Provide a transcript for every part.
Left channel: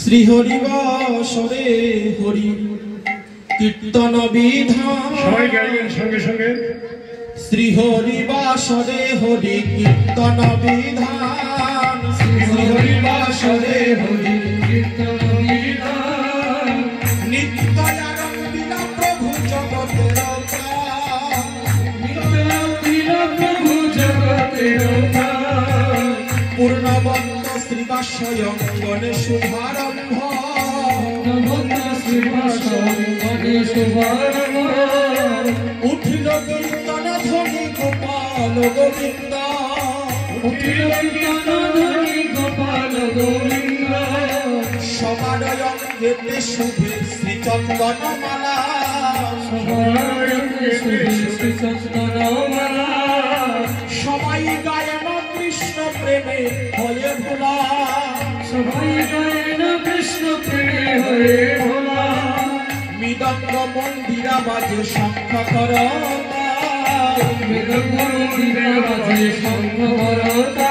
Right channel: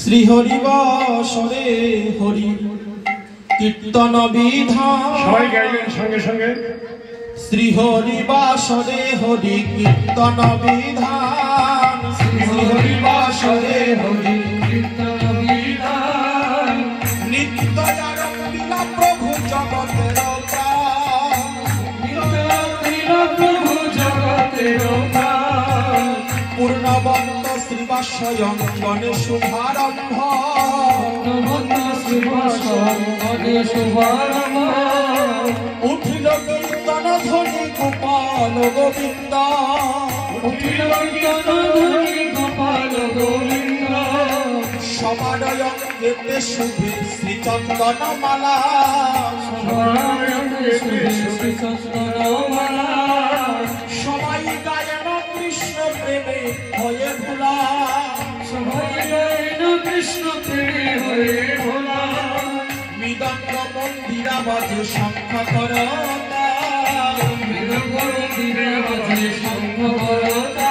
শ্রী হরিবাসরে হরি কীর্তন বিধান। সবাই গাইবেন সঙ্গে সঙ্গে। শ্রী হরিবাসরে হরি কীর্তন বিধান। শ্রী হরিবাসরে হরি কীর্তন বিধান। নিত্য আনন্দিলা প্রভু জগতের প্রাণ। নিত্য আনন্দিলা প্রভু জগতের প্রাণ। পূর্ণবন্ত শ্রীবাসয়ং গণে শুভারম্ভ। উঠিল কীর্তন ধ্বনি গোপাল গোবিন্দ। উঠিল কীর্তন ধ্বনি গোপাল গোবিন্দ। সবার অঙ্গেতে শুভে শ্রীচন্দন মালা। সবার অঙ্গেতে শুভে চন্দন মালা। সবাই গায়ন কৃষ্ণ প্রেমে হয়ে ভোলা। সবাই গায়ন কৃষ্ণ প্রেমে হয়ে ভোলা। মৃদঙ্গ মন্দিরা বাজে শঙ্খ করতা। মৃদঙ্গ মন্দিরা বাজে শঙ্খ করতা।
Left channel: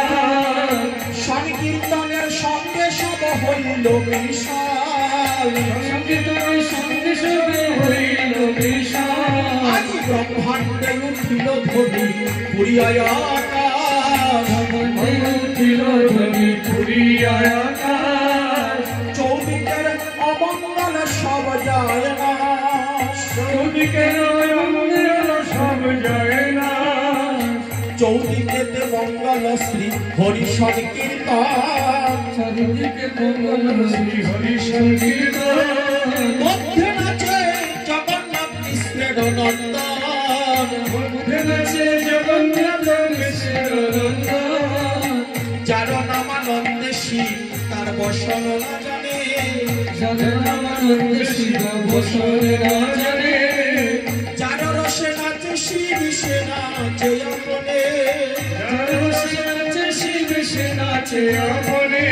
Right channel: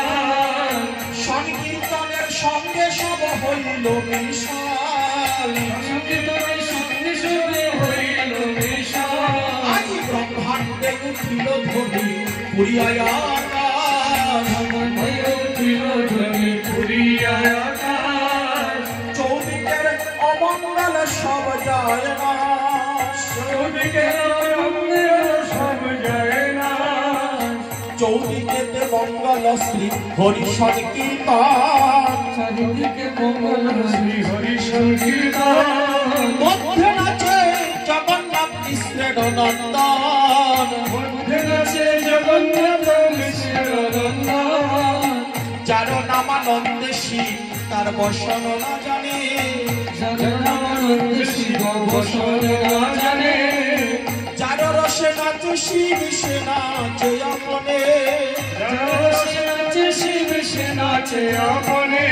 সংকীর্তনের সঙ্গে সব হইল মিশাল। সংকীর্তনের সঙ্গে সবে হইল মিশাল। আজি ব্রহ্মাণ্ডে উঠিল ধ্বনি পুরিয়ায় আকাশ। উঠিল ধ্বনি পুরিয়ায় আকাশ। চৌদিকের অমঙ্গল সব যায় না। চৌদিকের অমঙ্গল সব যায় না। চৌদিকেতে মঙ্গল শ্রী হরি সংকীর্তন। চারিদিকে মঙ্গল শ্রী হরি সংকীর্তন। মধ্যে নাচে জগন্নাথ কৃষ্ণের নন্দন। মধ্যে নাচে জগন্নাথ কৃষ্ণের নন্দন। যার নামানন্দে শিব তার বসন না জানে। যার নামানন্দে শিব বসন না জানে। যার রসে নাচে শিব সে নাচে আপনে। যার রসে নাচে শিব সে নাচে আপনে।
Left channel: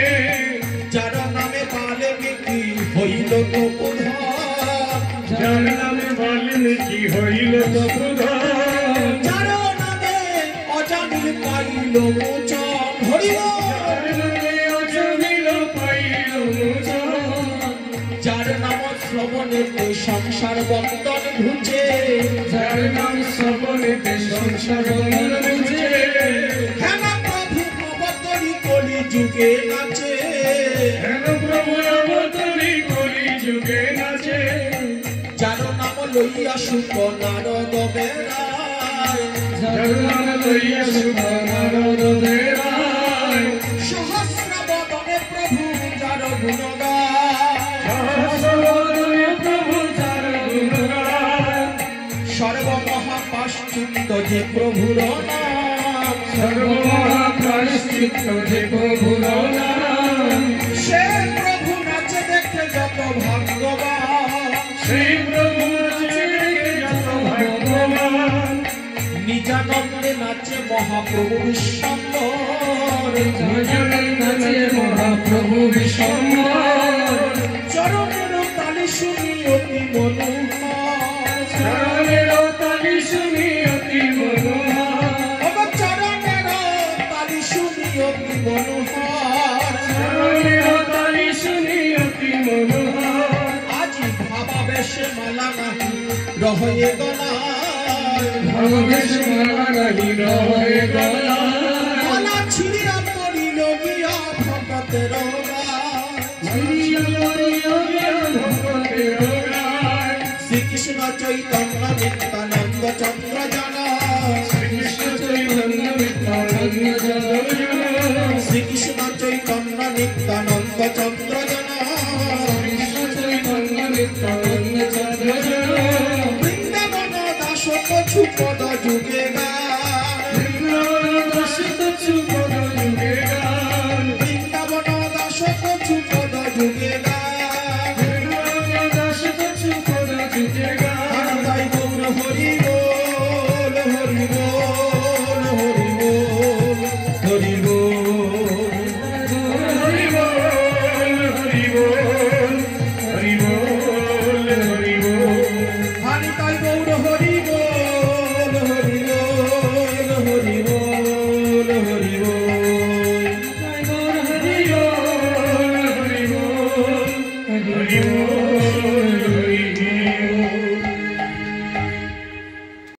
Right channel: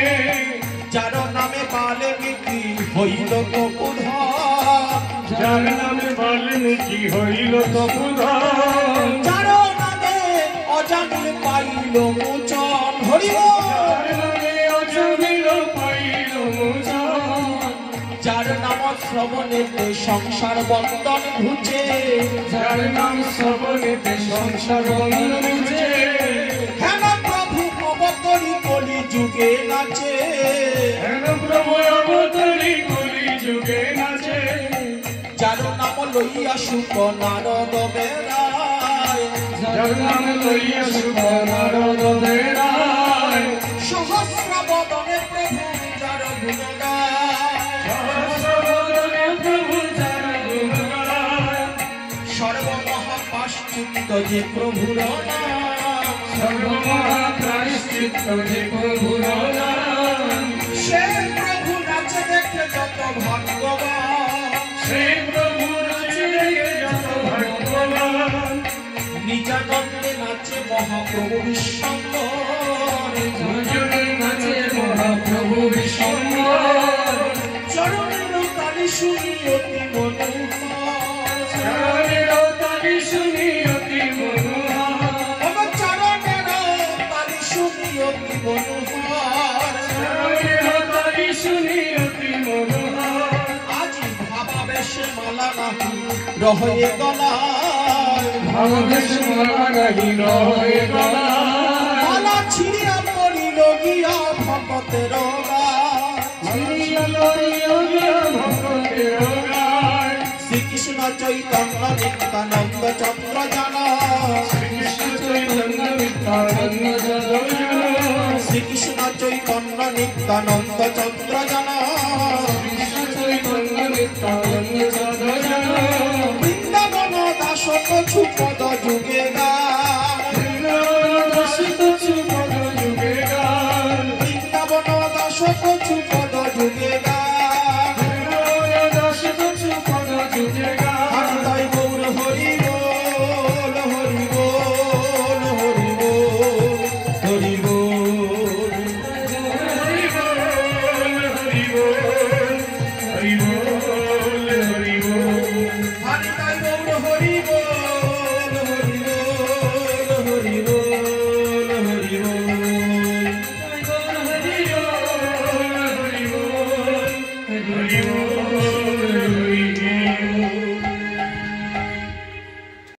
যার নামে বাল্মীকি হইল তপোধন। যার নামে বাল্মীকি হইল তপোধন। যার নামে অজামিল পাইল মোচন। হরি যার নাম শ্রবণেতে সংসার বন্ধন ঘুচে। যার নাম শ্রবণেতে সংসার বন্ধন ঘুচে। হেন প্রভু অবতরী কলি যুগে নাচে। হেন প্রভু অবতরী কলি যুগে নাচে। যার নাম লইয়া সুখ নারদ বেড়ায়। যার নাম লইয়া সুখ নারদ বেড়ায়। সহস্র বদনে প্রভু যার গুণ গায়। সহস্র প্রভু যার গুণ গায়। সর্বমহাপ্রায়শ্চিত্ত যে প্রভুর নাম। সর্বমহাপ্রায়শ্চিত্ত যে প্রভুর নাম। সে প্রভু নাচে দেখে যত ভাগ্যবান। সেই প্রভু নাচে দেখে যত ভাগ্যবান। নিজানন্দে নাচে মহাপ্রভু বিশ্বম্বর। নিজানন্দে নাচে মহাপ্রভু বিশ্বম্বর। চরণের তালি শুনি অতি মনোহর। চরণের তালি শুনি অতি মনোহর। চরণের তালি শুনি অতি মনোহর। চরণের তালি শুনি অতি মনোহর। আজি ভাবাবেশে মালা নাহি রহে গলায়। ভাবাবেশে মালা নাহি রহে গলায়। মালা ছিঁড়িয়া পড়িল গিয়া ভগতের গায়। ছিঁড়িয়া পড়িল গিয়া ভগতের গায়। শ্রীকৃষ্ণ চৈতন্য নিত্যানন্দ চন্দ্র জানা। শ্রীকৃষ্ণ চৈতন্য নিত্যানন্দ চন্দ্র জানা। শ্রীকৃষ্ণ চৈতন্য নিত্যানন্দ চন্দ্র জানা। শ্রীকৃষ্ণ চৈতন্য নিত্যানন্দ চন্দ্র জানা। বৃন্দাবন দাস কছু পদ যুগে গান। বৃন্দাবন দাস কছু পদ যুগে গান। বৃন্দাবন দাস কছু